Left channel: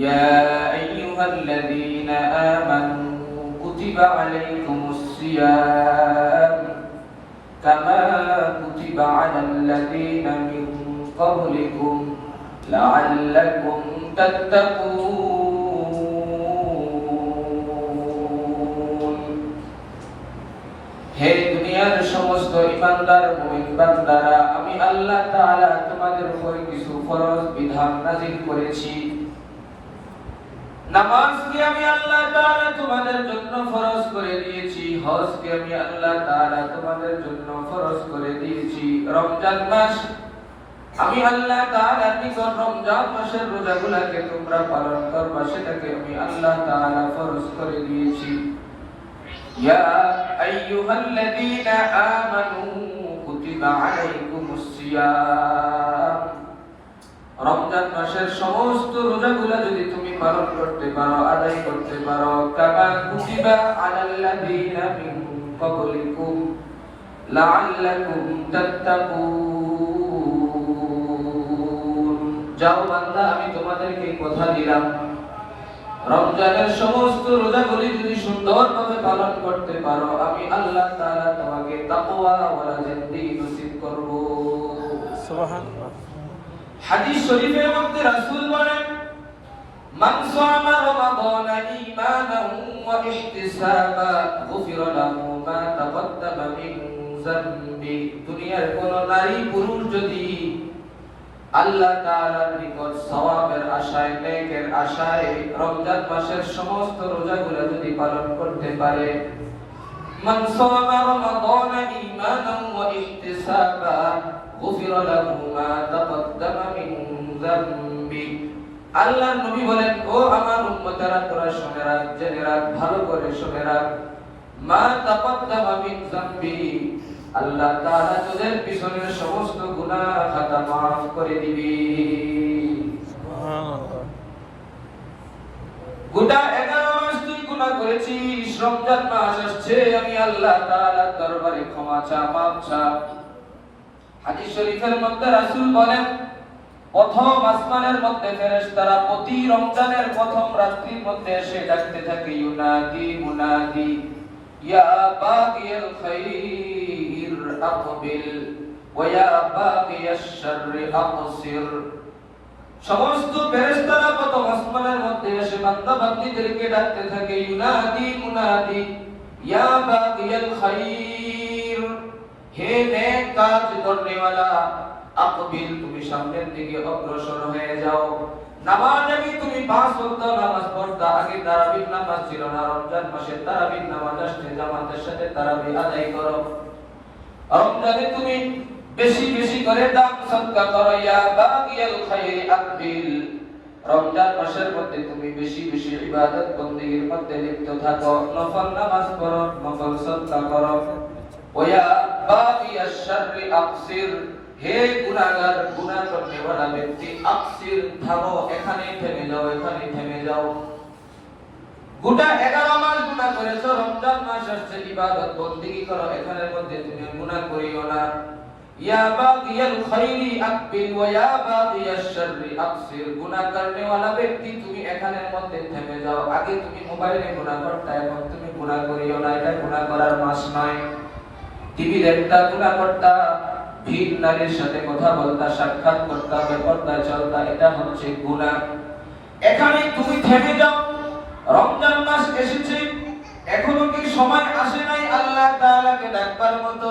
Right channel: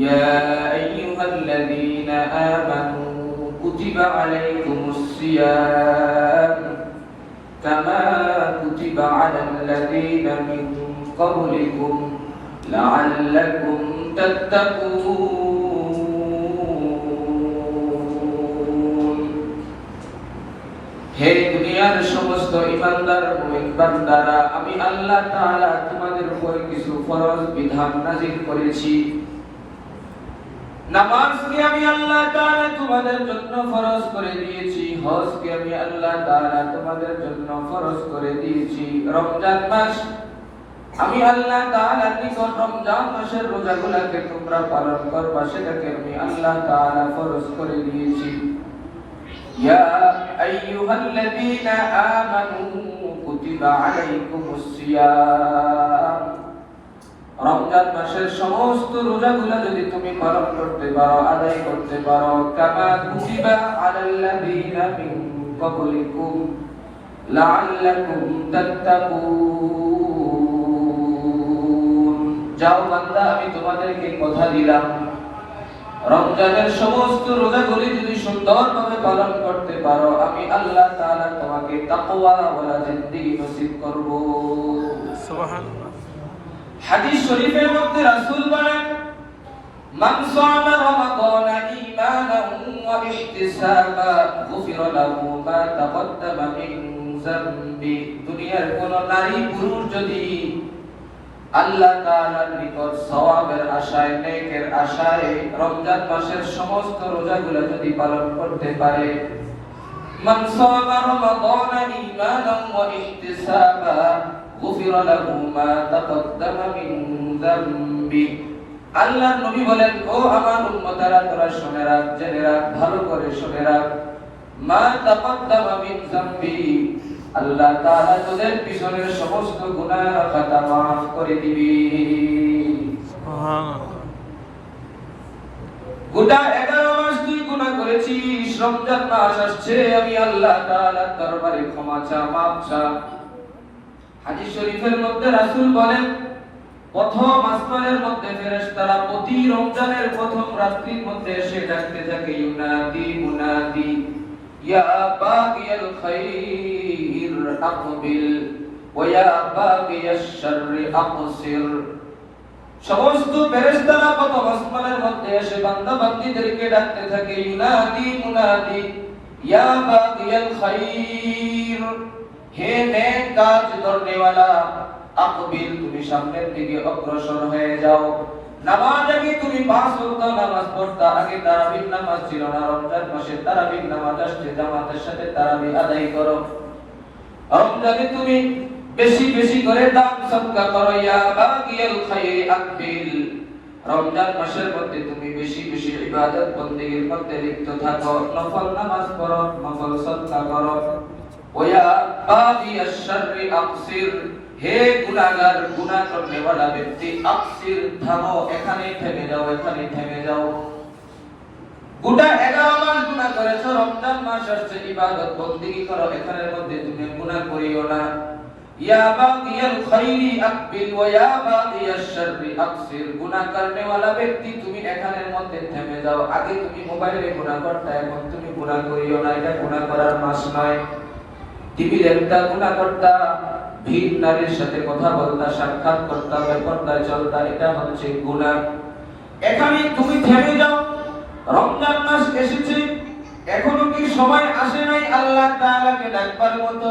يا أيها الذين آمنوا كتب عليكم الصيام كما كتب على الذين من قبلكم لعلكم تتقون হে দুনিয়ার সমস্ত ইমানদার মুমিন বান্দারা, আমি আল্লাহ তাআলা তোমাদের উপর কিছু ফরজ বিধান নাযিল করেছি। নামাজকে আমি আল্লাহ তাআলা তোমাদের জন্য ফরজ করে দিয়েছি, হজকে আমি আল্লাহ তাআলা তোমাদের জন্য ফরজ করে দিয়েছি। রমজান মাস আমি আল্লাহ তাআলা নিকট রমজান মাসের রোজাগুলোকে তোমরা পালন করবা, সেটাকে আমি আল্লাহ তাআলা ফরজ করে দিয়েছি। ইয়া আইয়ুহাল্লাযীনা আমানু কুতিবা আলাইকুমুস সিয়াম, রমজান মাসের সমস্ত রোজাগুলো যদি তুমি পালন করতে পারো, আদায় করতে পারো, কামা কুতিবা আলাল্লাযীনা মিন ক্বাবলিকুম লাআল্লাকুম তাত্তাকুন। যাও বান্দা, আমি তোমাদেরকে কথা দিলাম, রমজানের সমস্ত রোজাগুলি যদি সুন্দরভাবে পালন করতে পারো, আমি আল্লাহ তাআলা তোমাকে তাকওয়া ওয়ালা জিন্দেগি নসিব করব। সুবহানাল্লাহ। হাদিস শরীফের মধ্যে রাসূল বলেন, মান সামা রমাদানা ঈমানান ওয়া ইহতিসাবা গুফিরা লাহু মা তাকদ্দামা মিন যামবি। দুনিয়ার কোন নারী পুরুষ যদি আল্লাহ তাআলার নিকট সওয়াবের আশায়, নেকের আশায় রমজান মাসের সমস্ত রোজাগুলো যদি পালন করতে পারে, মান সামা রমাদানা ঈমানান ওয়া ইহতিসাবা গুফিরা লাহু মা তাকদ্দামা মিন যামবি। আল্লাহর নবী বলেন, ও আমার উম্মতেরা, তোরা শুনে রাখ, জেনে রাখ, ভালো করে শুনে রাখ, মা তাকদ্দামা মিন যামবি, আল্লাহ তাআলা তোদের পিছনের সমস্ত গুনাহ খাতা মাফ করে দিবে। সুবহানাল্লাহ। গোটা 11 মাস তুই গুনাহ করেছিস, রমজান মাস আসছে, আমি আল্লাহ তাআলার দরবারে ক্ষমা চা, মাফ চা। হাদিস শরীফের মধ্যে রাসূল বলেন, প্রথম আসমানের মধ্যে ফেরেশতারা প্রতি রমজানের প্রথম রাত্রির মধ্যে এসে ডাকতে থাকে, ইউনাদি মুনাদি ইয়া বাগিয়াল খাইর আকবিল ওয়া ইয়া বাগিয়াশ শাররি আকসির। সমস্ত ফেরেশতারা প্রথম আসমানের মধ্যে এসে বান্দা বান্দীদেরকে ডাকতে থাকে, ইউনাদি মুনাদি ইয়া বাগিয়াল খাইর, হে নেক কাজ করনে वाला আকবিল, তুমি সামনের দিকে অগ্রসর হয়ে যাও। নামাজ আগে তুমি 5 ওয়াক্ত নামাজ পড়তা, আগে তারাবির নামাজ ছিল না, রমজান মাসে তারাবির নামাজ আসছে, জামাতের সাথে তারাবি আদায় করো। রমজানে তুমি বেশি বেশি করে দান সদকা করো, ইয়া বাগিয়াল খাইরি আকবিল, রমজান মাসের মধ্যে তুমি বেশি বেশি ইবাদত বন্দেগীর মধ্যে লিপ্ত থাকো, নফল নামাজ পড়ো, নফল সদকা করো। ওয়া ইয়া বাগিয়াশ শাররি আকসির, হে গুনাহগার, গুনাহ করনে वाला ব্যক্তি, আকসির, থামো, এখানে থেমে যাও, এখানে থেমে যাও। গোটা 11 মাস গুনাহ করেছো, রমজান মাস আসছে, ইবাদত বন্দেগী করো, এখানের মধ্যে তুমি গুনাহ করিও না। ইয়া বাগিয়াল খাইরি আকবিল ওয়া ইয়া বাগিয়াশ শাররি আকসির, গুনাহ করনে वाला ব্যক্তি, তুমি এখানের মধ্যে থেমে যাও। আগে তুমি মোবাইলে গুনাহ করতে, এখন তুমি গুনাহ করিও না, এটা গুনাহ করার মাস নয়। টিভি দেখতা, গুনাহ করতা, ভিন নারীর সাথে কথা বলতা, সাক্ষাৎ করতা, বেপরদায় চলতা, এটা হচ্ছে গুনাহ। এখানে তুমি থেমে যাও। রমজান মাস এসেছে, এখনো কি সময় আসে নাই আল্লাহ তাআলাকে ডাকবার মতো?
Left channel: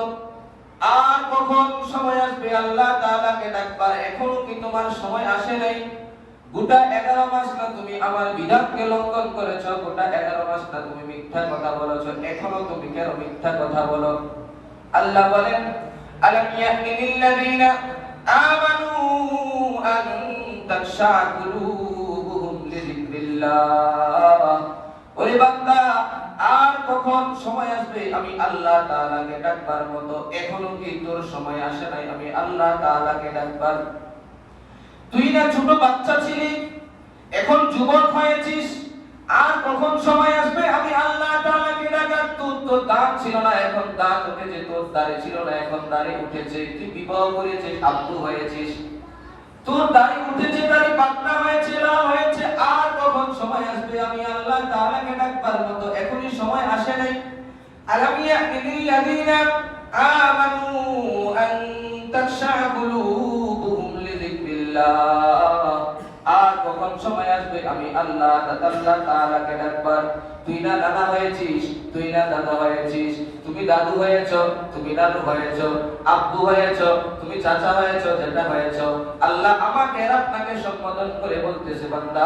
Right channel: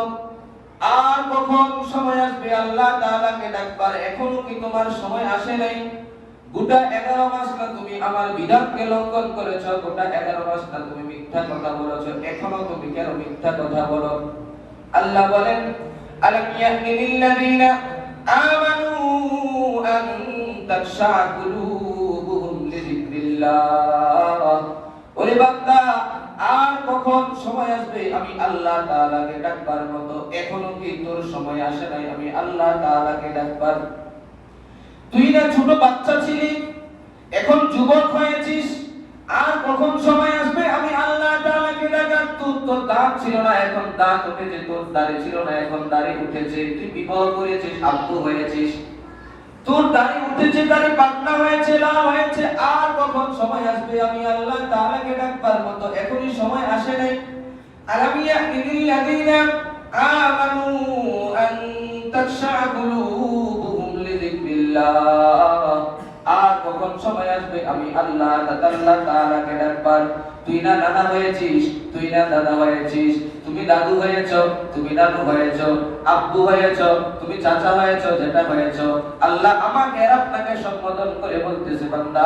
আর কখন সময় আসবে আল্লাহ তাআলাকে ডাকবার? এখনো কি তোমার সময় আসে নাই? গোটা 11 মাস না তুমি আমার বিধানকে লঙ্ঘন করেছো, গোটা 11 মাস না তুমি মিথ্যা কথা বলেছো, এখনো তুমি কেন মিথ্যা কথা বলো? আল্লাহ বলেন, আলাম ইয়ানি লিল্লাযিনা আমানু আন তাখশা কুলুবুহুম লিযিকরিল্লাহ। ওরে বান্দা, আর কখন সময় আসবে আমি আল্লাহ তাআলাকে ডাকবার মতো? এখনো কি তোর সময় আসে নাই আমি আল্লাহ তাআলাকে ডাকবার? তুই না ছোট বাচ্চা ছিলি, এখন যুবক হয়েছিস, আর কখন সময় আসবে আমি আল্লাহ তাআলাকে ডাকার? তোর তো দাঁত ছিল না, এখন দাঁত উঠেছে, তোর দাড়ি ছিল না, এখন দাড়ি উঠেছে, তুই বিবাহ করেছিস, আব্দু হয়েছিস, তোর দাড়ি উঠেছে, দাড়ি পাকনা হয়েছে, লাল হয়েছে, আর সময় আসবে আমি আল্লাহ তাআলাকে ডাকবার মতো এখনই সময় আসে নাই। আলাম ইয়ানিল্লাযীনা আমানু আন তাখশা কুলুবুহুম লিযিকরিল্লাহ। আর কখন সময় আসবে আমি আল্লাহ তাআলাকে ডাকবার? তুই না নানা হয়েছিস, তুই না দাদা হয়েছিস, তুমি দাদু হয়েছো, তুমি দাদু হয়েছো, আব্বু হয়েছো, তুমি চাচা হয়েছো, জেঠা হয়েছো। আল্লাহ আমাকে আর আপনাকে সম্বোধন করে বলতেছে, বান্দা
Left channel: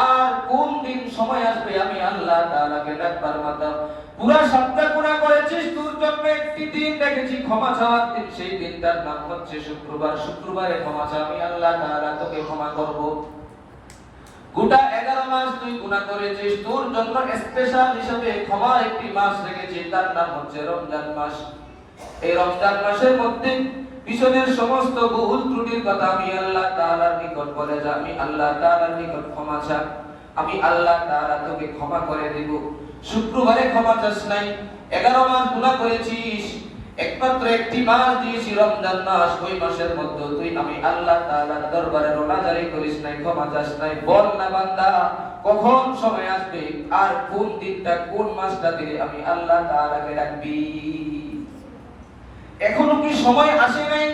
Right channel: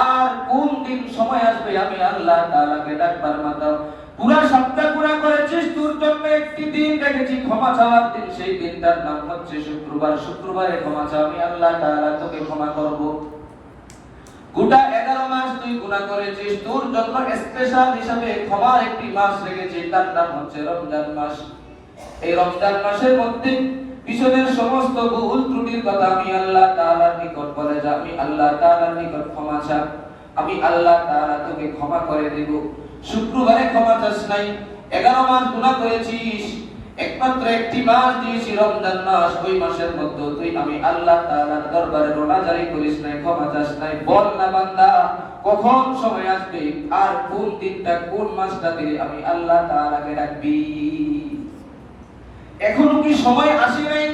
আর কোন দিন সময় আসবে আমি আল্লাহ তাআলাকে ডাকবার মতো? পুরা সপ্তাহ পুরা করেছিস, তোর জন্য একটি দিন রেখেছি ক্ষমা চাওয়ার দিন, সেই দিনটার নাম হচ্ছে শুক্রবার। শুক্রবারে ক্ষমা চা, আমি আল্লাহ তাআলা তোকে ক্ষমা করব। গোটা 11 মাস তুই গুনাহ করেছিস, তোর জন্য স্পেশাল হিসেবে ক্ষমার একটি মাস রেখেছি, তার নাম হচ্ছে রমজান মাস। এই রমজান মাসের মধ্যে পিছনের সমস্ত ভুল ত্রুটির কথা আমি আল্লাহ তাআলার নিকট বলে যা, আমি আল্লাহ তাআলার নিকট ক্ষমা চা, আমি আল্লাহ তাআলা তোকে ক্ষমা করে দেব। শুক্রবারে ক্ষমা চাস নাই, 11 মাস গুনাহ করেছিস, একমাত্র একটি মাস দিয়েছি রমজান মাস, ওই মাসের মধ্যে তুই আমি আল্লাহ তাআলার দরবারে রোনা জারি করিস নাই, ক্ষমা চাস নাই। বল না বান্দা কখন সময় আসবে আর কোন দিনটা কোন মাসটা দিয়ে আমি আল্লাহ তাআলাকে ডাকবি? এখনো কি সময় আসে নাই?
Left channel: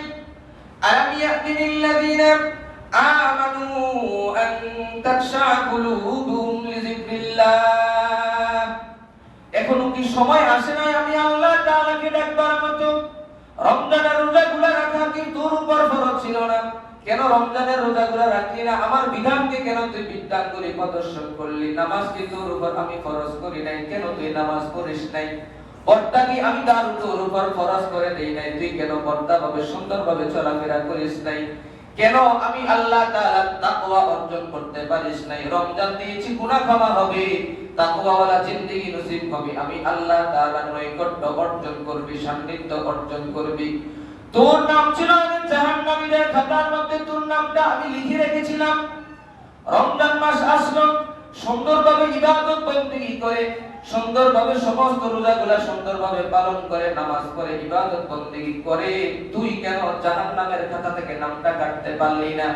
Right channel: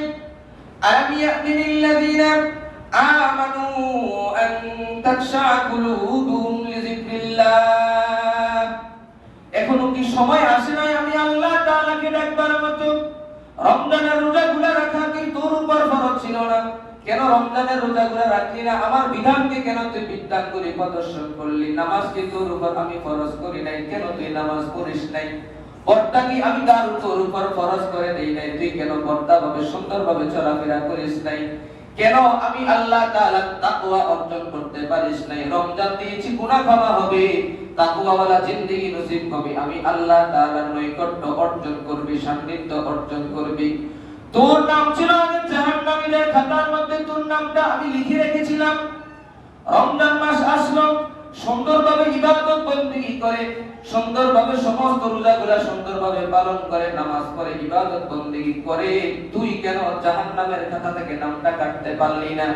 আলাম ইয়াতিনিল্লাযীনা আমানু আন তাখশা কুলুবুহুম লিযিকরিল্লাহ। এখনো কি সময় আসে নাই আমি আল্লাহ তাআলাকে ডাকবার মতো? রমজানের রোজাগুলো রাখা কি তোর উপর ফরজ ছিল না? কেন রমজানের রোজাগুলো রাখলি না? আমার বিধানকে কেন তুই বিধান করে প্রদর্শন করলি? নামাজ কি তোর উপর আমি ফরজ করি নাই, কেন তুই নামাজ পড়িস নাই? পর্দা কি আমি তোর উপর ফরজ করে দেই নাই, তুই কেন পর্দাভাবে সুন্দরভাবে চলাফেরা করিস নাই? কেন আমি আল্লাহ তাআলার তাকওয়া অর্জন করতে পারিস নাই? রমজান দিয়েছি গুনাহ ক্ষমা হবে, তাকওয়াওয়ালা জিন্দেগি নসিব হবে, আমি আল্লাহ তাআলার নৈকট্য অর্জন করবি, সান্নিধ্য অর্জন করবি। তোর নাম ছিল আমি জাহান্নামীদের খাতার মধ্যে, তোর নামটা আমি লিখে রেখেছিলাম। রমজান মাস আসলো, সুন্দরভাবে ইবাদত বন্দেগী করে, সুন্দরভাবে সমস্ত রোজাগুলা সুন্দরভাবে পালন করে, নামাজ পড়ে, ইবাদত বন্দেগী করে, তুই কেন জাহান্নামের খাতা থেকে নামটা কাটতে পারলি না?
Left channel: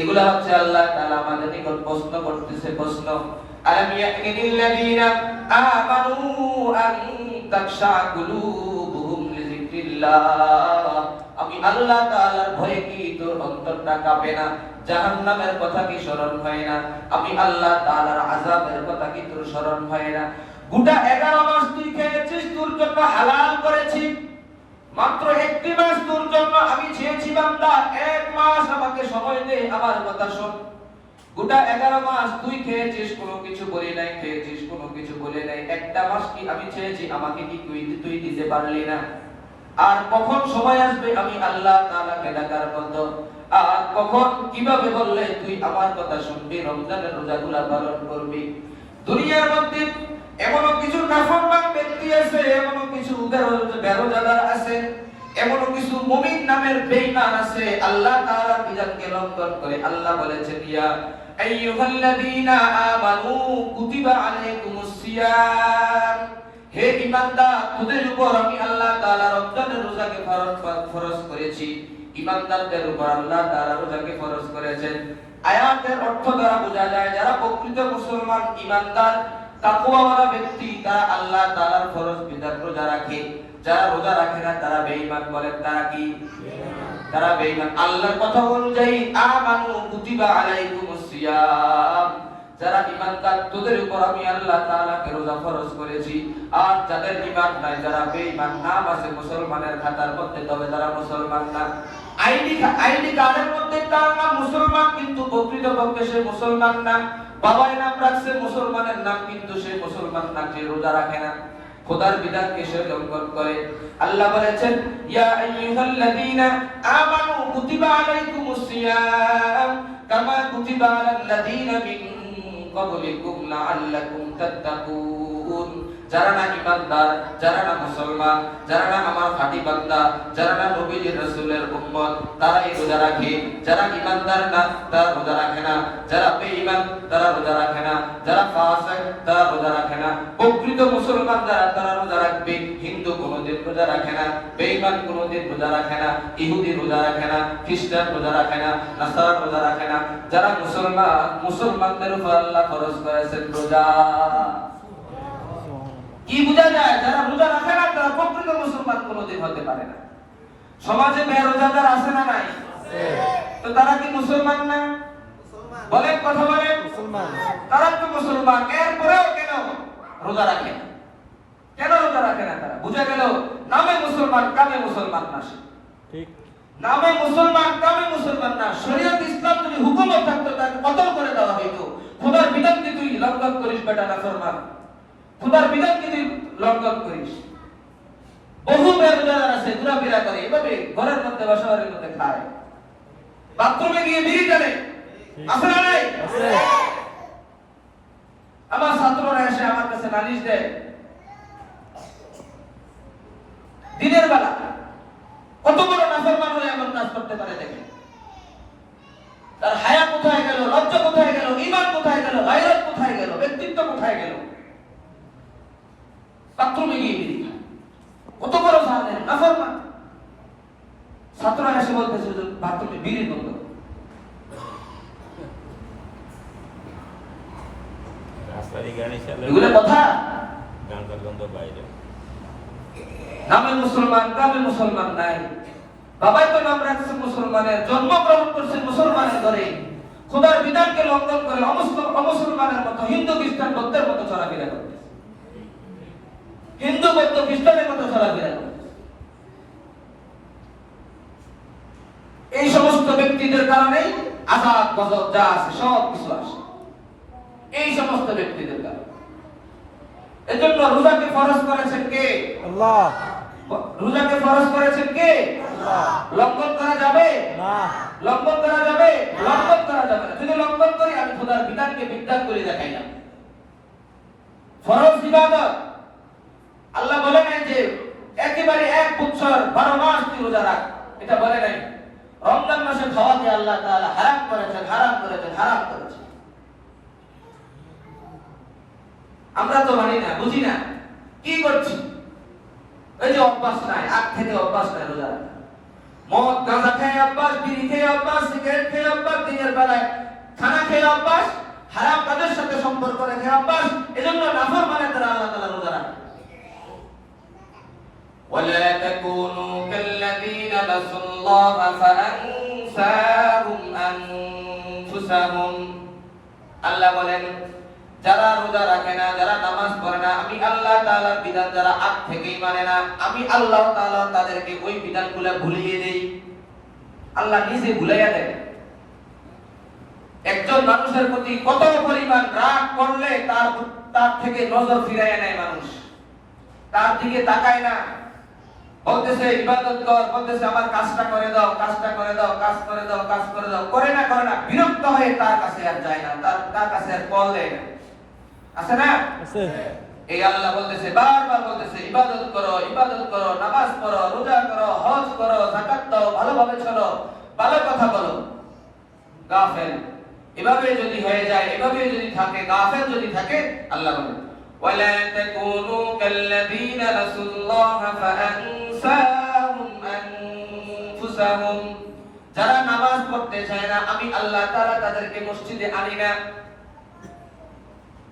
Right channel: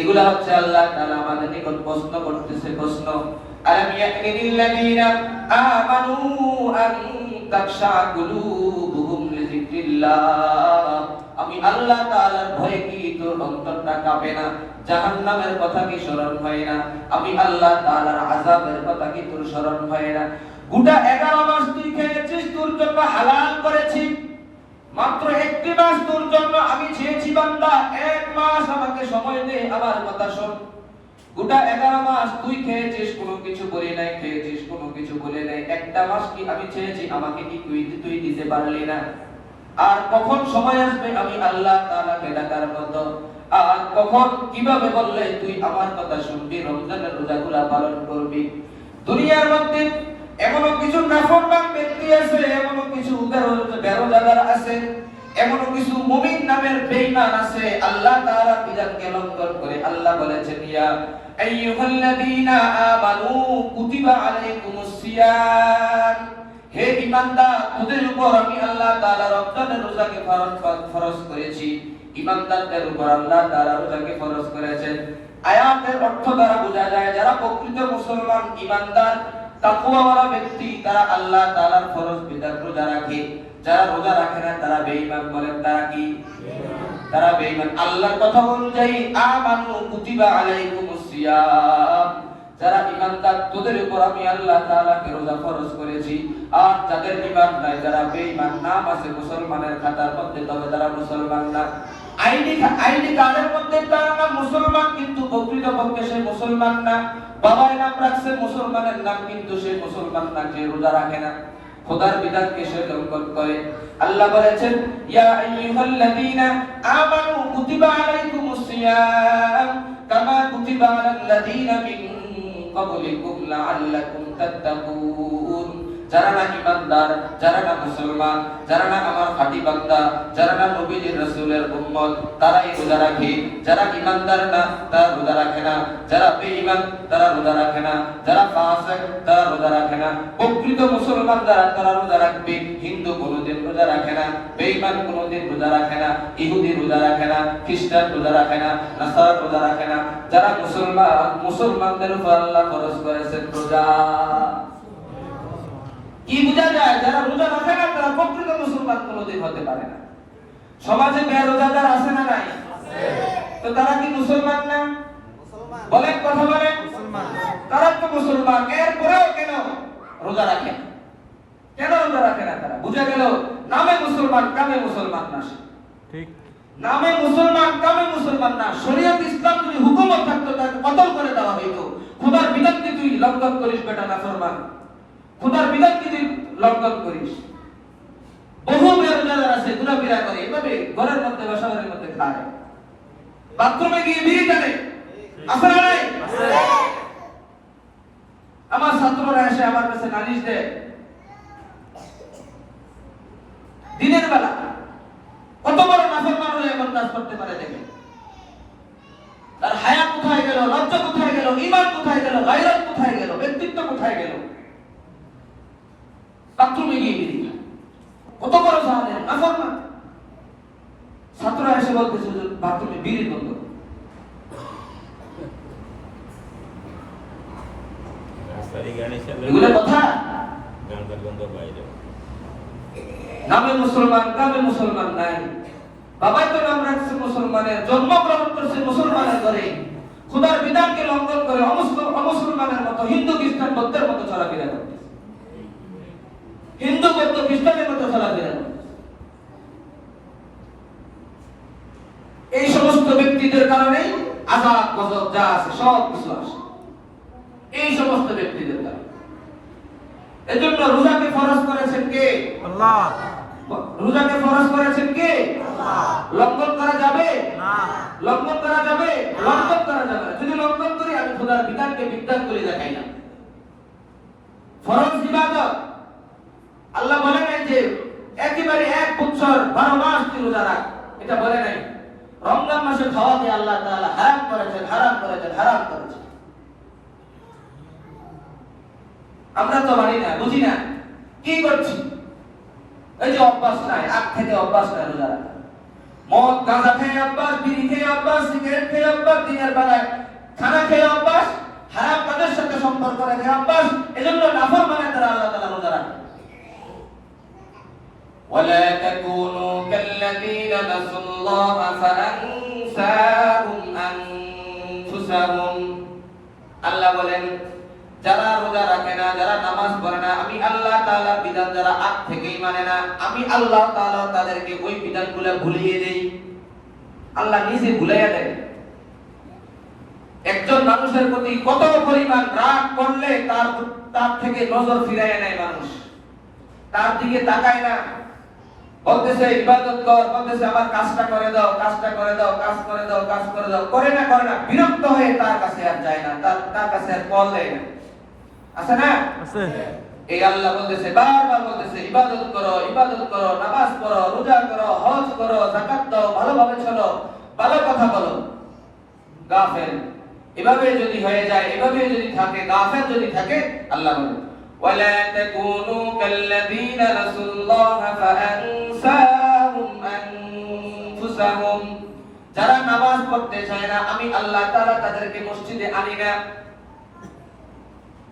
এগুলা হচ্ছে আল্লাহ তাআলা আমাদের নিকট প্রশ্ন করতেছে, প্রশ্ন। আলাম ইয়াতিনিল্লাযীনা আমানু আন তাখশা কুলুবুহুম লিযিকরিল্লাহ। আমি আল্লাহ তাআলার ভয়ে কি তোর অন্তরটা কাঁপে না? জাহান্নামের কথা কি স্মরণ হয় না? আমি আল্লাহ তাআলার আযাবের কথা কি তোর স্মরণ হয় না? গোটা 11 মাস তুই খেয়েছিস, তোর জন্য হালাল করেছি, মাত্র একটি মাস তোর জন্য আমি চেয়েছি, বান্দা 1 মাস আমাকে সময় দে, আমার কথা শোন। গোটা 11 মাস তুই খেয়েছিস, কোনো কিছু বলি নাই, খেয়েছিস, কোনো কিছু বলি নাই, একটা মাস কি আমি চেয়েছি, আমাকে কি তুই দিতে পারলি না? আর কখন সময় আসবে আমি আল্লাহ তাআলাকে ডাকার মতো? আর কখন কিভাবে বললে তুই আমার কথা শুনবি, রমজানের রোজাগুলা পালন করবি? দুনিয়ার মধ্যে এমন কিছু নাফরমান ব্যক্তি আছে, এমন কিছু বেরোজাদার আছে, এমন কিছু মুমিন নামের বেঈমান আছে, আল্লাহ তাআলার বিধানকে লঙ্ঘন করে। আল্লাহ বলেছেন, ইয়া আইয়ুহাল্লাযীনা আমানু কুতিবা আলাইকুমুস সিয়াম। হে ঈমানদার, তোদের উপর আমি আল্লাহ তাআলা রমজানের রোজাকে ফরজ করেছি। ঈমানদারদের উপর আল্লাহ তাআলা রোজাকে ফরজ করেছেন। আয়াতের অর্থ দ্বারা বোঝা যায় যারা প্রকৃত মুসলমান, ঈমানদার, তাকওয়াওয়ালা ব্যক্তি, তারা আল্লাহ তাআলার ফরজ বিধান রোজা রাখে। যারা রোজা রাখে না তারা বেঈমান। বলেন তারা কি? তারা বেঈমান। আল্লাহর কথা অনুযায়ী আমানু কুতিবা আলাইকুমুস সিয়াম, যারা ঈমানদার তোদের উপর আমি আল্লাহ তাআলাকে রোজা ফরজ করেছি। আর যাদের ঈমান নাই, যারা বেঈমান, নাম আছে মুসলমানের খাতার মধ্যে, তবে তারা মুসলমান না। আইনি কার্ডের মধ্যে তার নাম মুসলমান, কিন্তু প্রকৃতপক্ষে সে মুসলমান না। বাবার নাম রাখছে মুসলমানের নাম, কিন্তু সে মুসলমান না, সে রোজা রাখে না, খোদার বিধানকে সে লঙ্ঘন করে। আল্লাহ বলেছেন, ইয়া আইয়ুহাল্লাযীনা আমানু কুতিবা আলাইকুমুস সিয়াম কামা কুতিবা আলাল্লাযীনা মিন ক্বাবলিকুম লাআল্লাকুম তাত্তাকুন। যারা না ইমানদার, যারা না মুসলমান, যারা না আমার খাঁটি বান্দা, যারা না নবীজির রাসূলের উম্মত, তারাই রোজা রাখে। যারা ইমানদার না তারা রোজা রাখে না, যারা বেঈমান তারা রোজা রাখে না, যারা ফাসিক তারা রোজা রাখে না। প্রকৃত মুসলমান যারা তারা রোজা রাখবে। হিন্দু কোনোদিন রোজা রাখে না, বেঈমান কোনোদিন রোজা রাখে না, ইহুদি রোজা রাখে না, খ্রিস্টান রোজা রাখে না, নাসারা রোজা রাখে না। যারা মুসলমান, মুসলমানদের উপর আল্লাহ ফরজ করেছেন রোজা। কি বোঝা যায়? যারা রোজা রাখে না তারা প্রকৃত মুসলমান কোনোদিন হতে পারে না। সমাজে বেরোজাদার আছে না নাই? তো তারা কি মুসলমান না? বলেন, কথা বলেন। তারা তো মুসলমান, এরপরেও কেন রোজা রাখে না? কেন রোজা রাখে না তারা? বুঝা গেল নামে মুসলমান, কামে মুসলমান না। ঠিক, নামে মুসলমান, কামে মুসলমান না। শরীয়ত ইসলাম যদি হুকুমত থাকতো তাকে কতল করে দেওয়া হইতো। খোদার বিধান কি তুই লঙ্ঘন করিস বেটা নাফরমান? খোদার বিধান কি তুই লঙ্ঘন করিস? বহু বেরোজাদার আছে, ঘোরাফেরা করে, এভাবে ঘরের মধ্যে বাসাবাড়ির মধ্যে খায়, বাথরুমে গিয়ে বিড়ি টানে, আছে না নাই? আমার ছাত্ররা এসে আমার কাছে নালিশ দেয়, দিনের বেলা কত বড় নাফরমান হলে এমন কাজ করতে পারে দেখে। তার হায়া কোথায় গেল, লজ্জা কোথায় গেল, ঈমান কোথায় গেল, গায়রত কোথায় গেল, ব্যক্তিত্ব কোথায় গেল? বাথরুমে গিয়ে বিড়ি খায়, কত বড় জানেন নাফরমান। ছাত্ররা এসে বলতেছে বাথরুমে বিড়ি বন্ধ। এগুলো কথা। নামে মুসলমান, কামে মুসলমান নাই। বাবাই তো নাম রাখছে মুসলমানের, জন্মগ্রহণ করছে মুসলমানের ঘরে, খোদার বিধানকে লঙ্ঘন করে অমুসলমানের মতো হিন্দু খ্রিস্টান বৌদ্ধের মতো চলাফেরা করতেছে, হিন্দু বৌদ্ধ খ্রিস্টানের মতো চলাফেরা করতেছে। এই সমস্ত ব্যক্তিদের কারণে আযাব গজব যা আছে সব কিছু আসে, এই সমস্ত ব্যক্তিদের কারণে। এজন্য রোজাকে ফরজ করেছেন কে? আল্লাহ। রোজাকে ফরজ করেছেন কে? আল্লাহ। লঙ্ঘন করা যাবে না, লঙ্ঘন করা যাবে, লঙ্ঘন করা যাবে না। যদি লঙ্ঘন করি আমি খোদার বিধানকে বিদ্যাত করে দেখাই না। ফরজ ইবাদত। আল্লাহ বলে নাই যে একেবারে এক বছর 12 মাস তুই রোজা রাখ, এটা বলে নাই। রমজান মাসে খাওয়াকে আল্লাহ তাআলা হারাম করেছেন, হারাম করেছেন, হারাম করেছেন। আমরা তো মানি না, বুঝি না, কি করছি? এই যে অভ্যাস নাই, আগ থেকে অভ্যাস নাই রোজা রাখা। মদ গাঁজা খেয়ে অভ্যাস, বিড়ি খেয়ে অভ্যাস, সিগারেট খেয়ে অভ্যাস, দিনের বেলায় খানা খেয়ে অভ্যাস, হারাম কাজের সাথে সম্পর্ক রেখে অভ্যাস। এজন্য নাফরমানের দ্বারা আল্লাহ তাআলা রোজা রাখেন। ولا تكونوا كالذين نسوا الله فأنساهم أنفسهم। আল্লাহ বলেন যারা রোজা রাখে না, যারা নামাজ পড়ে না, আমি আল্লাহ তাআলার বিধান যারা আগ থেকেই মানে না, আমি আল্লাহ তাআলা তাদেরকে ওই বিধানগুলো ভুলিয়ে দেই। আল্লাহ নিজে ভুলিয়ে দেয়। একজন মানুষের প্রতি কত পরিমাণ রাগ করলে তার থেকে নজর ফিরাইয়া নেয় মানুষ, তার দিকে তাকায় না। বলতেছে ইবাদত কর, বলতেছে আমার কাজটা করে দাও, কাজটা করে দাও, কাজ করে দাও, কাজ করে দাও, করে না, করে না। বিরক্ত হয়ে তার কাছে আর যায় না, তার কাছে আর কল দেয় না। আছে না? আছে। এই আল্লাহ বলতেছে, বারবার বলতেছে ইবাদত করো, ইবাদত করো, নামাজ পড়ো, রোজা করো, হজ করো, যাকাত দাও, ভালোভাবে চলো, ভালো কথা বলো। গাফেল এভাবে যদি হয়ে যায়, এভাবে যদি থাকে, গাফেল যদি থাকে, আল্লাহ বলেন ওয়ালা তাকুনু কাল্লাযীনা নাসুল্লাহা ফাআনসাহুম আনফুসাহুম। যারা নামাজ পড়তে চায় না, আমি আল্লাহ তাআলা তাদেরকে মসজিদে আনি না,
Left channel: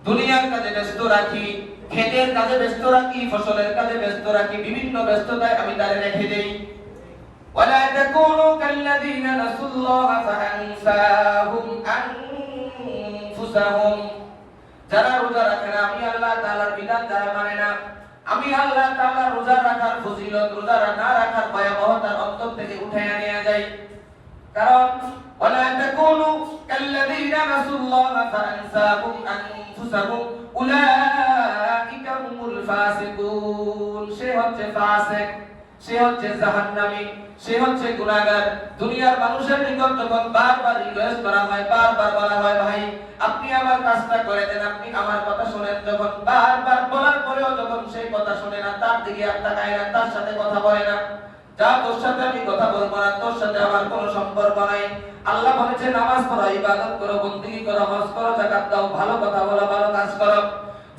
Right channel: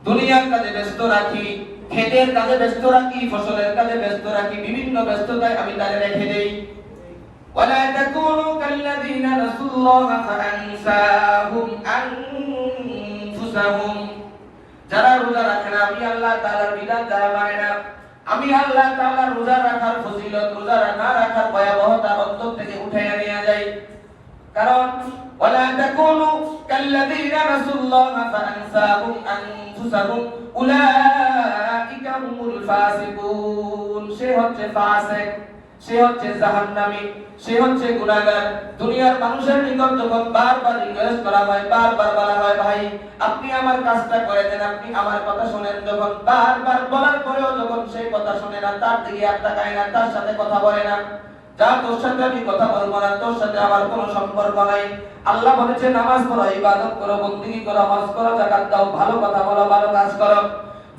দুনিয়ার কাজে ব্যস্ত রাখি, ক্ষেতের কাজে ব্যস্ত রাখি, ফসলের কাজে ব্যস্ত রাখি, বিভিন্ন ব্যস্ততায় আমি তাদের রেখে দেই। ওয়ালা তাকুনু কাল্লাযীনা নাসুল্লাহা ফাআনসাহুম আনফুসাহুম। যারা রোজা রাখে না, আমি আল্লাহ তাআলার বিধান যারা মানে না, আমি আল্লাহ তাআলা রোজা রাখার ফজিলত, রোজা না রাখার ভয়াবহতা অন্তর থেকে উঠাইয়া নিয়ে যাই। কারণ ওয়ালা তাকুনু কাল্লাযীনা নাসুল্লাহা ফাআনসাহুম আনফুসাহুম উলাইকা হুমুল ফাসিকুন। সে হচ্ছে ফাসিক, সে হচ্ছে জাহান্নামী, সে হচ্ছে গুনাহগার। দুনিয়ার মানুষের নিকট যখন বারবার রিকোয়েস্ট করা হয়, বারবার বলা হয় ভাই আপনি আমার কাজটা করে দেন, আপনি আমার কথা শুনেন, যখন বারবার বলার পরেও যখন তার দিকে আর তাকায় না, তার সাথে কথা বলে না। যা তোর সাথে আমি কথা বলবো না, তোর সাথে আমার কোনো সম্পর্ক নাই। আল্লাহ বলেছে নামাজ পড়ো, ইবাদত করো, বন্দেগী করো, হজ করো, যাকাত দাও, ভালো কথা বলো, ভালো কাজ করো।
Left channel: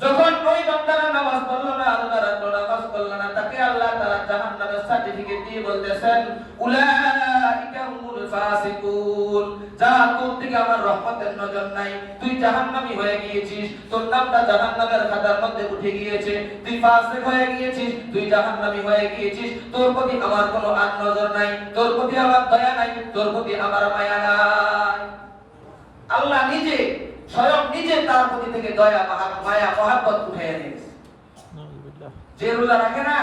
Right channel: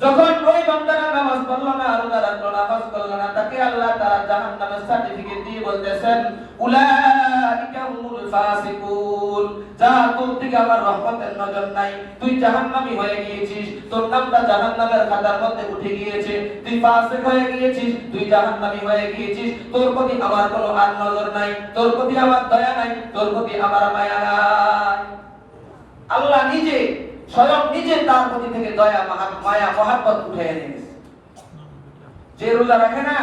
যখন ওই বান্দাটা নামাজ পড়লো না, রোজা রাখলো না, হজ করলো না, তাকে আল্লাহ তাআলা জাহান্নামের সার্টিফিকেট দিয়ে বলতেছেন উলাইকা হুমুল ফাসিকুন, যা তোর দিকে আমার রহমতের নজর নাই, তুই জাহান্নামী হয়ে গিয়েছিস, তোর নামটা জাহান্নামের খাতার মধ্যে উঠে গিয়েছে, তুই ফাসিক হয়ে গিয়েছিস, তুই জাহান্নামী হয়ে গিয়েছিস, তোর প্রতি আমার কোনো আর নজর নাই, তোর প্রতি আমার দয়া নাই, তোর প্রতি আমার মায়া নাই। আল্লাহ নিজে স্বয়ং নিজে তার প্রতি থেকে দয়া মায়া মহব্বত উঠে এনে গেছে। যে রোজা রাখে না,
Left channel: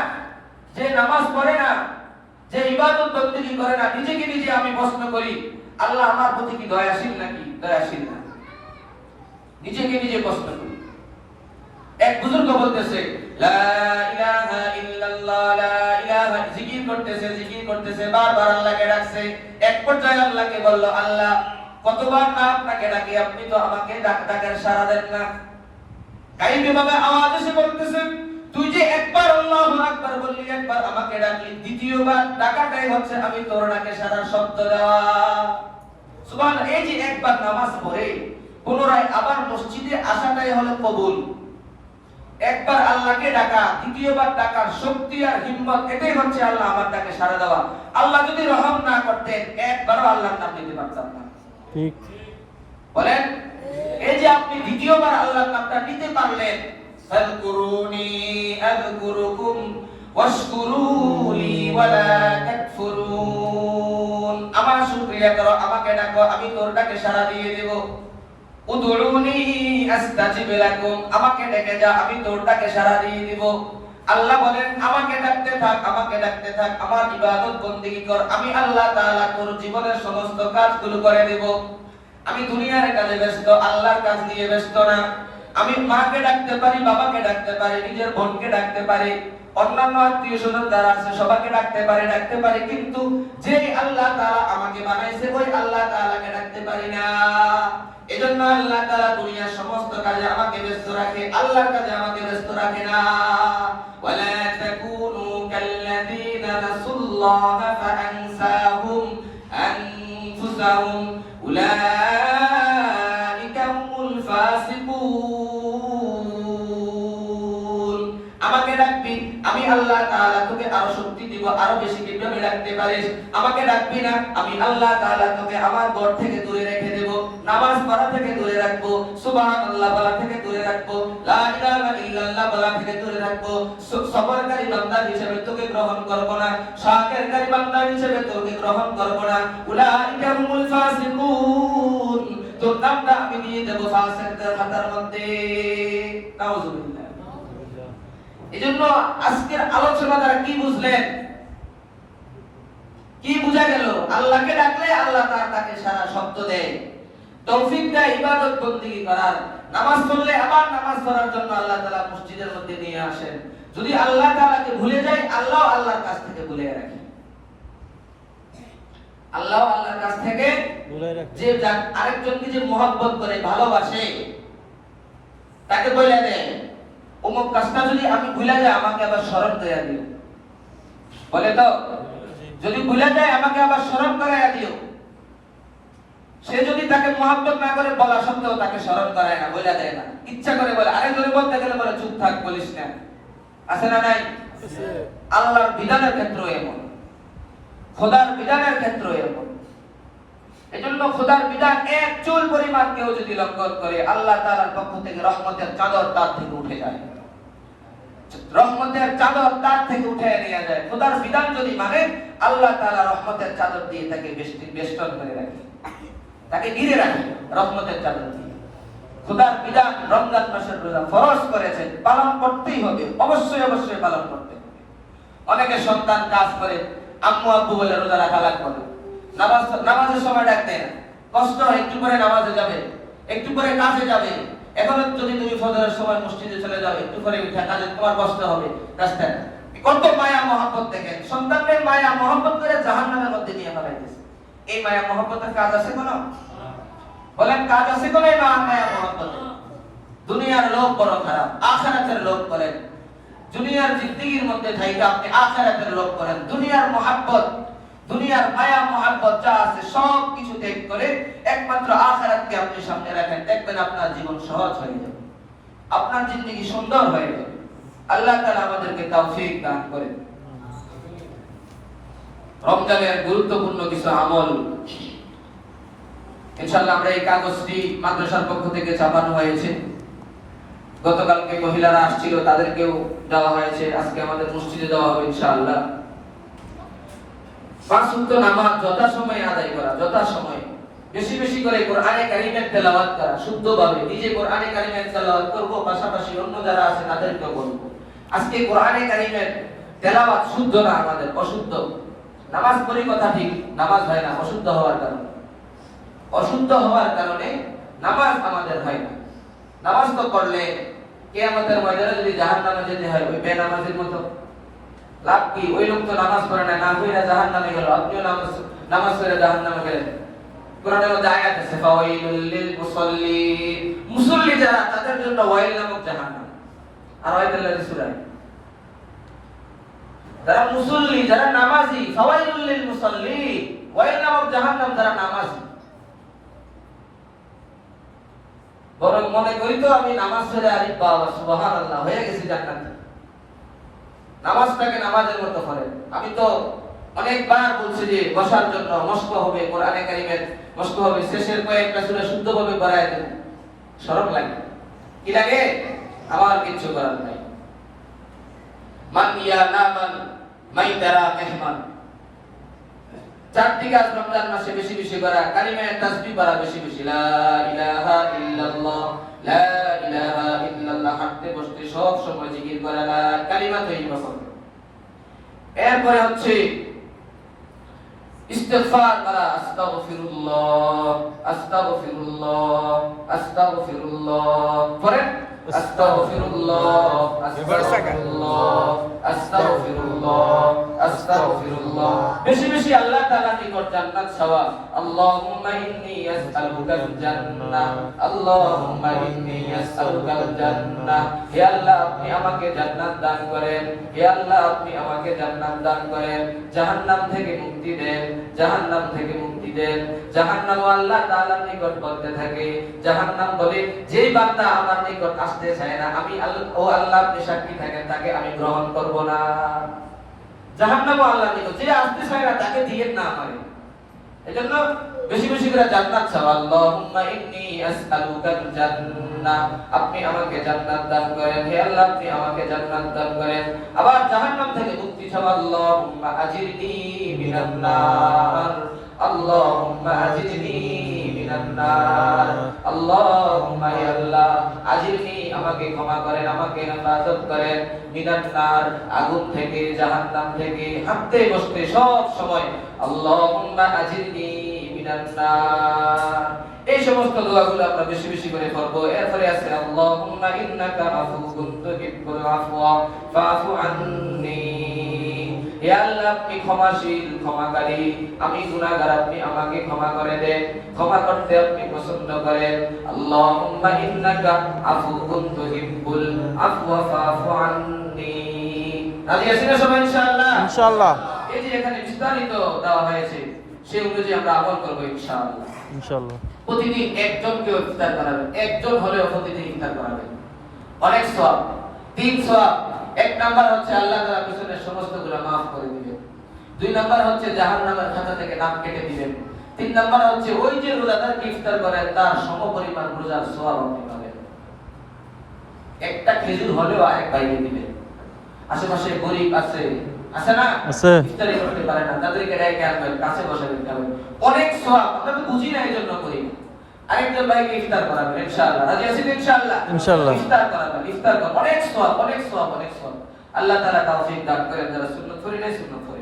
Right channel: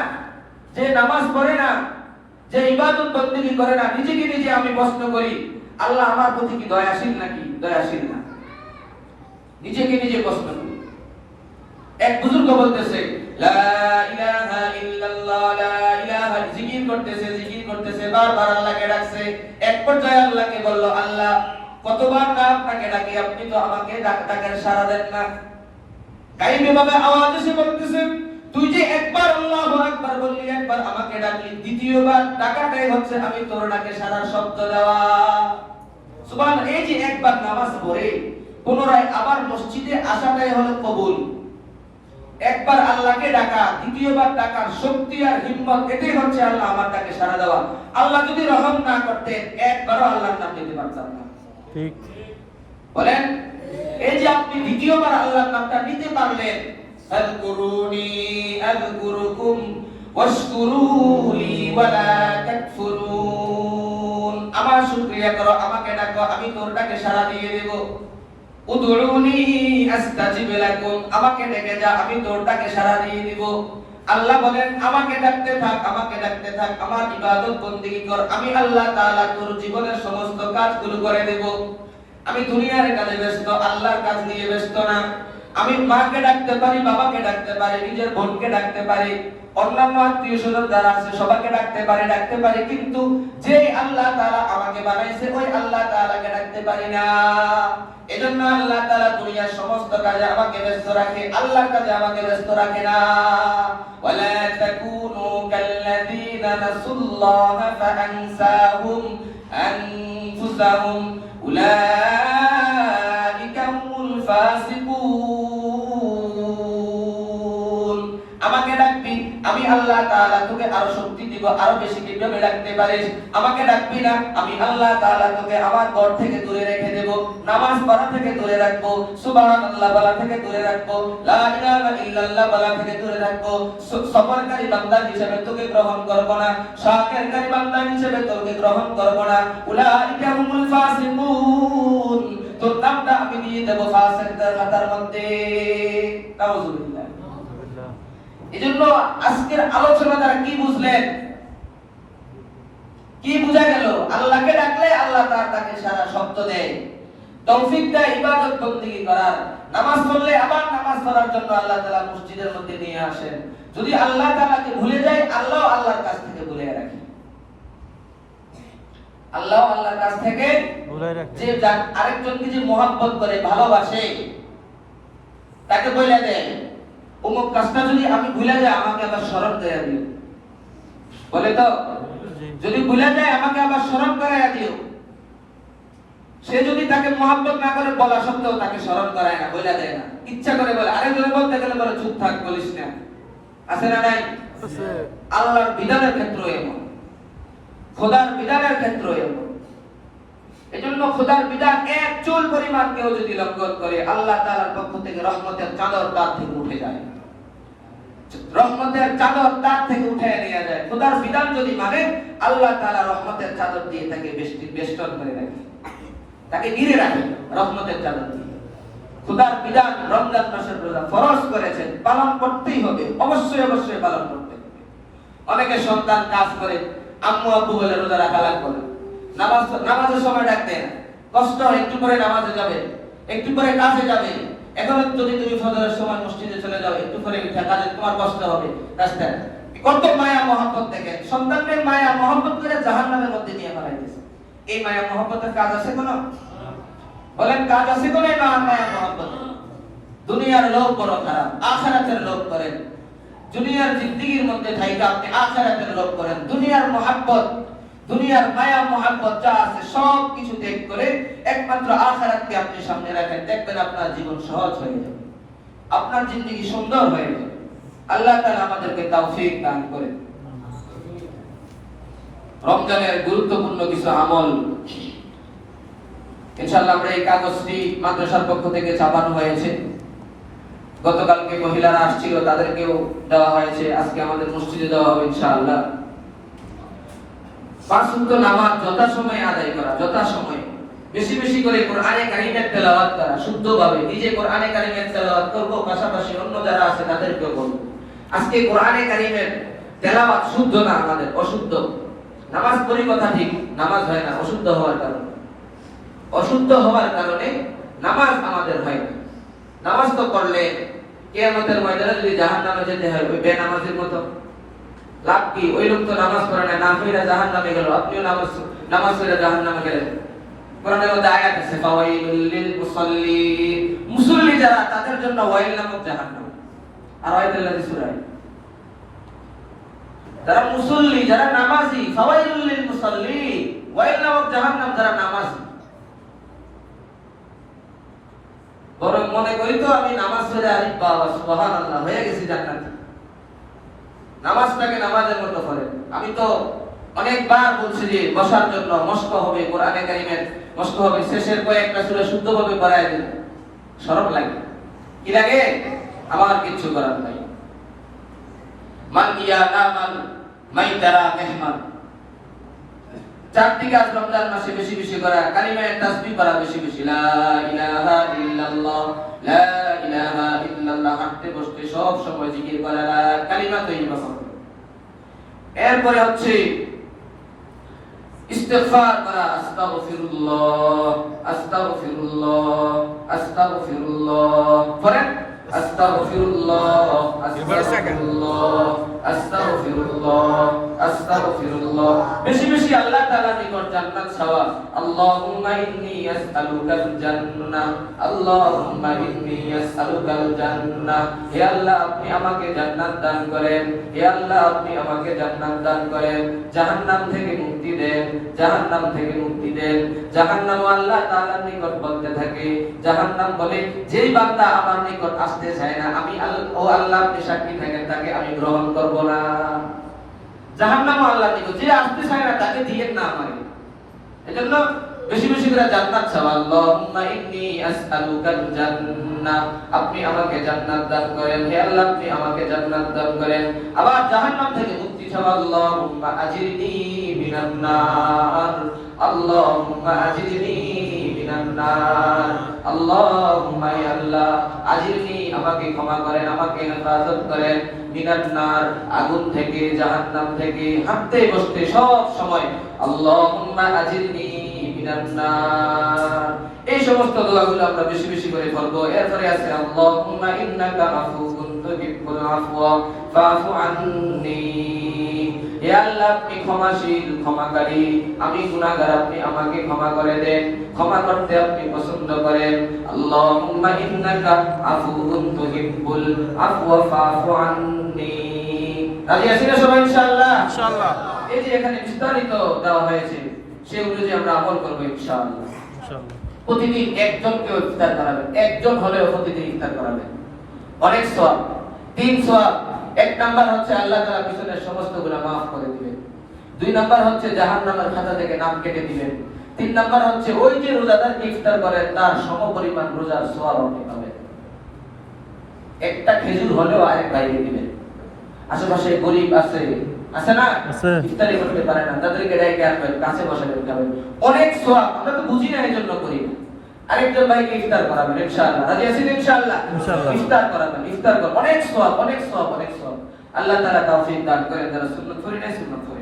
যে নামাজ পড়ে না, যে ইবাদত বন্দেগী করে না, নিজেকে নিজে আমি প্রশ্ন করি আল্লাহ আমার প্রতি কি দয়াশীল নাকি দয়াশীল না? নিজেকে নিজে প্রশ্ন করি। এক বুজুর্গ বলতেছে লা ইলাহা ইল্লাল্লাহ, লা ইলাহা, জিকির করতেছে, বারবার আল্লাহকে ডাকছে। এক পর্যায়ে আল্লাহকে বলল, আল্লাহ কতবার না আপনাকে ডাকি, আপনি তো আমাকে ডাকের সাড়া দেন না। কাইবে ভাবে আওয়াজ এসে বলতেছে তুই যে একবার আল্লাহু আকবার বললি, একবার আমাকে ডাকলি, দ্বিতীয়বার ডাকাটাই হচ্ছে আমি তোর ডাকে সাড়া শব্দ দেওয়া। সুবহানাল্লাহ। এই যে একবার নামাজ পড়ে পুনরায় আবার মসজিদে আসাটাই হলো কবুল। একবার আল্লাহকে ডাকা, দ্বিতীয়বার ডাকার শক্তি আর হিম্মত, এটাই হচ্ছে আল্লাহ আমার ডাকে সাড়া দেওয়া। আল্লাহ যদি রহম না করতেন একবারও আল্লাহর নাম নিতে পারতাম না। ঠিক বলেন? এই যে আপনি দ্বিতীয়বার আল্লাহর নামটা নিতে পারলেন, ফাযকুরুনি আযকুরুকুম ওয়াশকুরুলি ওয়ালা তাকফুরুন, আমার শুকরিয়া করো, আমাকে ডাকো, আমি তোর ডাকে সাড়া দিয়ে দেব। উদউনি আস্তাজিব লাকুম, আমাকে ডেকে যা, আমি তোর ডাকে সাড়া দিয়ে দেব। আল্লাহ বলেন আমাকে ডাকতে থাক, আমাকে ডাকতে থাক, আমার ইবাদত বন্দেগী কর, আমি আল্লাহ তাআলা তোর জীবনের সমস্ত কাজগুলো করে দেব। আমি দুনিয়ার কাজে ব্যস্ত, আল্লাহর কাজ নিয়ে ব্যস্ত না। আমি মাকে ডাকতে পারি, বাবাকে ডাকতে পারি, নিজের বোনকে ডাকতে পারি, অন্যান্য আত্মীয় স্বজন যারা আছে সবাইকে ডাকতে পারি, কিন্তু যে আল্লাহ তাআলা আমাকে বানাইছে ওই আল্লাহ তাআলাকে ডাকতে পারি না। এজন্য আল্লাহ তাআলা দুনিয়ার সমস্ত কাজে আমাকে ব্যস্ত রাখে, আল্লাহর কাজে আমাকে ব্যস্ত রাখে না। ওয়ালা তাকুনু কাল্লাযীনা নাসুল্লাহা ফাআনসাহুম আনফুসাহুম উলাইকা হুমুল ফাসিকুন। আমাকে ডাকবি, আমি আল্লাহ তাআলা তোকে আরো শক্তি দিব, আরো বেশি কিভাবে ডাকতে পারিস। আমাকে ডাকবি না, আমি আল্লাহ তাআলা তোকে আমার ঘর থেকে দূরে রেখে দেব, নামাজ পড়া থেকে দূরে রাখবো, সুবহানাল্লাহ বলা থেকে দূরে রাখবো, লা ইলাহা ইল্লাল্লাহ বলা থেকে দূরে রাখবো। সবরকারী বান্দা হিসেবে তোকে গ্রহণ করব না, শাকিরকারী বান্দা হিসেবে তোকে গ্রহণ করব না। উলাইকা হুমুল ফাসিকুন, তোর নামটা আমি দিয়ে দেব ফাসিকদের খাতার মধ্যে। নাউযুবিল্লাহ। এজন্য আজকের আলোচনা দ্বারা কি বুঝলেন, কি বোঝা গেল? আল্লাহকে ডাকলে আল্লাহ তার ডাকে সারা শব্দ দেয়, তৌফিক দেয় ইবাদত বন্দেগী করার। নামাজ পড়লে আবার নামাজ পড়ার জন্য আল্লাহ তাআলা মসজিদের মধ্যে নিয়ে আসেন। যদি আল্লাহ তাআলাকে ভুলে যায়, আল্লাহ আল্লাহর কাছ থেকে ভুলে রাখে, আল্লাহ আল্লাহর কাছ থেকে ভুলে রাখে। যে আরেকজনকে যে মহব্বত করে, ভালোবাসে, তাকে বলে দেয় অমুক কাজটা যদি আমি ভুলে যাই আমাকে আবার স্মরণ করাইয়া দিও, বলে তো যদি ভুলে যায় আমাকে আবার স্মরণ করাইয়া দিও। সে যদি তাকে মহব্বত না করে বলা সত্ত্বেও তাকে স্মরণ করায় না, বলে দেয় না, ইচ্ছা করে বলে, আরেকজনে বলতে গেলে বলে চুপ থাক, বলিস না। আছে না নাই? আল্লাহর বিধানের ক্ষেত্রে এমন, খোদার বিধানের ক্ষেত্রে এমন। এজন্য খোদার বিধান এক চুল পরিমাণ কেউ যদি লঙ্ঘন করে, আল্লাহ তাআলার পক্ষ থেকে রহমতের চাদর তার থেকে উঠে যায়, রহমতের চাদর তার থেকে উঠে নিয়ে যায়। খোদার বিধান যদি মানে, আল্লাহ তাআলা রহমতের চাদর দিয়ে তাকে বেষ্টন করে রাখে, তাকে ঘিরে রাখে রহমতের চাদর দিয়ে। খোদার বিধান রমজান মাসের রোজা ফরজ করেছেন, পালন করতেই হবে, অবশ্যই অবশ্যই পালন করতে হবে। অনেকে সন্তান কাজ করে, আম্মু আব্বু বলে রোজা রাখা লাগবে না, নামাজের সময় ডাকতে না, কষ্ট হয়, একটু পরে নামাজে যাবে, একটু পরে কাজে যাবে। এখন যদি তুমি ফজরের সময় মসজিদে চলে যাও, একটু পরে উঠে কাজে, তোমার কষ্ট হবে রাস্তায়। কত মায়া মহব্বত দেখেন, সন্তানদের মায়া মহব্বত করে জাহান্নামের মধ্যে নিয়ে ফেলাইতেছে। এই মায়া মহব্বতের কাজ আছে কোনো? বলেন কাজ আছে কোনো? এই মায়া মহব্বত। দুনিয়ার লোক বড় খারাপ, আখিরাতের লোক করেন। দুনিয়ার জিন্দেগীর মধ্যে থাইকা আপনি আখিরাতের লোভ করেন, দুনিয়ার মহব্বত, দুনিয়ার মায়া মহব্বত যা আছে সব কিছু ত্যাগ করে একমাত্র আখিরাতকে আপনি সামনে রাখেন, দেখবেন আপনার জীবন সহজ হয়ে যাবে, আপনার জিন্দেগি সুন্দর হয়ে যাবে। আল্লাহ তাআলা আমাদেরকে তৌফিক দান করেন। রমজানের গুরুত্বপূর্ণ কিছু আমল ইনশাআল্লাহ আমরা এই কাগজটি মাদ্রাসার পক্ষ থেকে ছাপানো হয়েছে। গতকালকে মহিলারা আসছিল, তাদেরকেও দেওয়া হয়েছে, আজকে আমাদের মসজিদে দেওয়া হবে ইনশাআল্লাহ। পাঁচ ওয়াক্ত নামাজ যথাসময়ে আদায় করা, যথাসময়ে বেশি বেশি করে কোরআনে কারিমের তেলাওয়াত করা, শুদ্ধভাবে নিজে কোরআনে কারিমের তেলাওয়াত করব, পাশাপাশি অন্য যারা আছে তাদেরকেও বলবো। আজকে কোরআনে কারিমের তেলাওয়াত শুদ্ধ না, আমাদের অশুদ্ধ। নামাজ পড়ি কথা ঠিক, নামাজ হয় না অশুদ্ধ হওয়ার কারণে, অশুদ্ধ হওয়ার কারণে নামাজ আমাদের হয় না। নামাজ তো পড়লে কিয়ামতের ময়দানে যদি জাহান্নামে যেতে হয় ওই বেনামাজের মতো, লাভ কি? ওই লোক তো নামাজ পড়ে না, নাম হইরা জাহান্নামে গেল, আপনিও নামাজ পড়ে জাহান্নামে গেলেন। কোরআনের মধ্যে আয়াত আছে ফাওয়াইলুল লিল মুসাল্লিন, মুসল্লি যারা তাদের জন্য ওয়াইল নামক জাহান্নাম। আর আয়াতুল্লাহ সূরা, যারা মুসল্লি, যারা নামাজি, ফাওয়াইলুল লিল মুসাল্লিন, ওয়াইল নামক জাহান্নাম যারা নামাজি। বরং মনে করি তো আমি নামাজ পড়ে আরে বাবা সুবহানাল্লাহ হয়ে গেছি জান্নাতে। নামাজটাকে নামাজের মতো করে। আমি তো অনেকবার বলছি যে বসার জন্য মস্ক হবে, কোরআনে কারিমের মস্ক হবে, শেষের কয়েকটা সূরা শুদ্ধভাবে পড়ায় দেন, শরম লাগে। কি লাগে? আমার কিছু করার নাই। মান ইয়া নামান মাইতারা মেহমান, চারটি কাজ রমজান মাসে বেশি বেশি করা, কালিমায়ে তাসবিহ পড়া বেশি বেশি, লা ইলাহা ইল্লাল্লাহ, লা ইলাহা ইল্লাল্লাহ, হাঁটতে বসতে সব সময় জিকির করা, কালিমা তৈয়বা পড়া। এরপরে হচ্ছে ইস্তিগফার করা, আস্তাগফিরুল্লাহ আস্তাগফিরুল্লাহ আস্তাগফিরুল্লাহ, পড়েন আস্তাগফিরুল্লাহ আস্তাগফিরুল্লাহ আস্তাগফিরুল্লাহ আস্তাগফিরুল্লাহ। বেশি বেশি আল্লাহ তাআলার নিকট জান্নাত চাওয়া। আল্লাহুম্মা ইন্নী আসআলুকাল জান্নাহ, আল্লাহুম্মা ইন্নী আসআলুকাল জান্নাহ। হে আল্লাহ আপনি আমাকে জান্নাত দান করেন, হে আল্লাহ আপনি আমাকে জান্নাত দান করেন, জাহান্নাম থেকে মুক্তি দেন, জাহান্নাম থেকে মুক্তি দেন। জাহান্নাম আল্লাহ তাআলার নিকট বলতে থাকে, জাহান্নাম বলে যেই বান্দা আমার নিকট আসতে চায় না, আমি ও আল্লাহ আপনি সাক্ষী থাকেন তাকে আমি গ্রহণ করব না। জাহান্নাম আল্লাহ নিকট যে আসতে চায় না তাকে দিয়েন না আমারে। এজন্য বেশি বেশি করে জান্নাত চাওয়া। আল্লাহুম্মা ইন্নী আসআলুকাল জান্নাহ, আপনি আমাকে জান্নাত দান করেন, হে আল্লাহ আপনি আমাকে জান্নাত দান করেন। আবার জাহান্নাম থেকে মুক্তি চাওয়া। আল্লাহুম্মা আজিরনি মিনান নার, আল্লাহুম্মা আজিরনি মিনান নার, আল্লাহুম্মা ইয়া আল্লাহ আজিরনি, আমাকে ক্ষমা করেন, আমাকে হেফাজত করেন, মিনান নার, আগুন থেকে, জাহান্নাম থেকে, হাঁটতে বসতে সব সময় আল্লাহুম্মা আজিরনি মিনান নার। এই সমস্ত দোয়াগুলো আমরা বেশি বেশি করে পড়ব। এরপরে আছে আল্লাহুম্মা ইন্নাকা আফুউন তুহিব্বুল আফওয়া ফাআফু আন্নী, হে আল্লাহ আপনি ক্ষমাশীল, ক্ষমাকারী, আমি গুনাহগার, আপনি আমাকে ক্ষমা করে দেন, ক্ষমা করতে আপনি পছন্দ করেন। আল্লাহুম্মা ইন্নাকা আফুউন তুহিব্বুল আফওয়া ফাআফু আন্নী। রাজি আছি না সবাই ইনশাআল্লাহ? ইনশাআল্লাহ। এই যে এখানে বিস্তারিত দেওয়া হয়েছে সেই অনুযায়ী আমরা আমল করব ইনশাআল্লাহ। ইনশাআল্লাহ। প্রতিদিন একজনকে ইফতার করাবেন, একজন হলেও প্রতিদিন ইফতার করাবেন, অনেক সওয়াব, 3 সওয়াব। এক নাম্বার হচ্ছে আল্লাহ তাআলা পিছনের সমস্ত গুনাহ maaf করে দিবেন। 2 নাম্বার হচ্ছে জাহান্নামের খাতা থেকে নাম কেটে দিবেন। 3 নাম্বার হচ্ছে ওই যে রোজাদার ইফতার করে তার সমপরিমাণ রোজার সওয়াব আপনি পাবেন। একটা খেজুর হলেও আরেক ভাইকে দিবেন। আশেপাশে গরীব আছে, আছে না? ইফতারি করতে পারে না, তাদেরকে ডেকে আনবেন, কাছে বসাবেন, খাবেন, অনেক সওয়াব। আমরা তো বুঝি না এজন্য করি না। আরেকজন ভাইকে ইফতার করাবেন ইনশাআল্লাহ। রাজি আছেন ইনশাআল্লাহ? ইনশাআল্লাহ। ইফতার করাবেন, ইফতার কর, অনেক সওয়াব, অনেক সওয়াব, অনেক সওয়াব। আল্লাহ তাআলা তৌফিক দান করেন, যারা সুন্নাত পড়েন সুন্নাত পড়েন।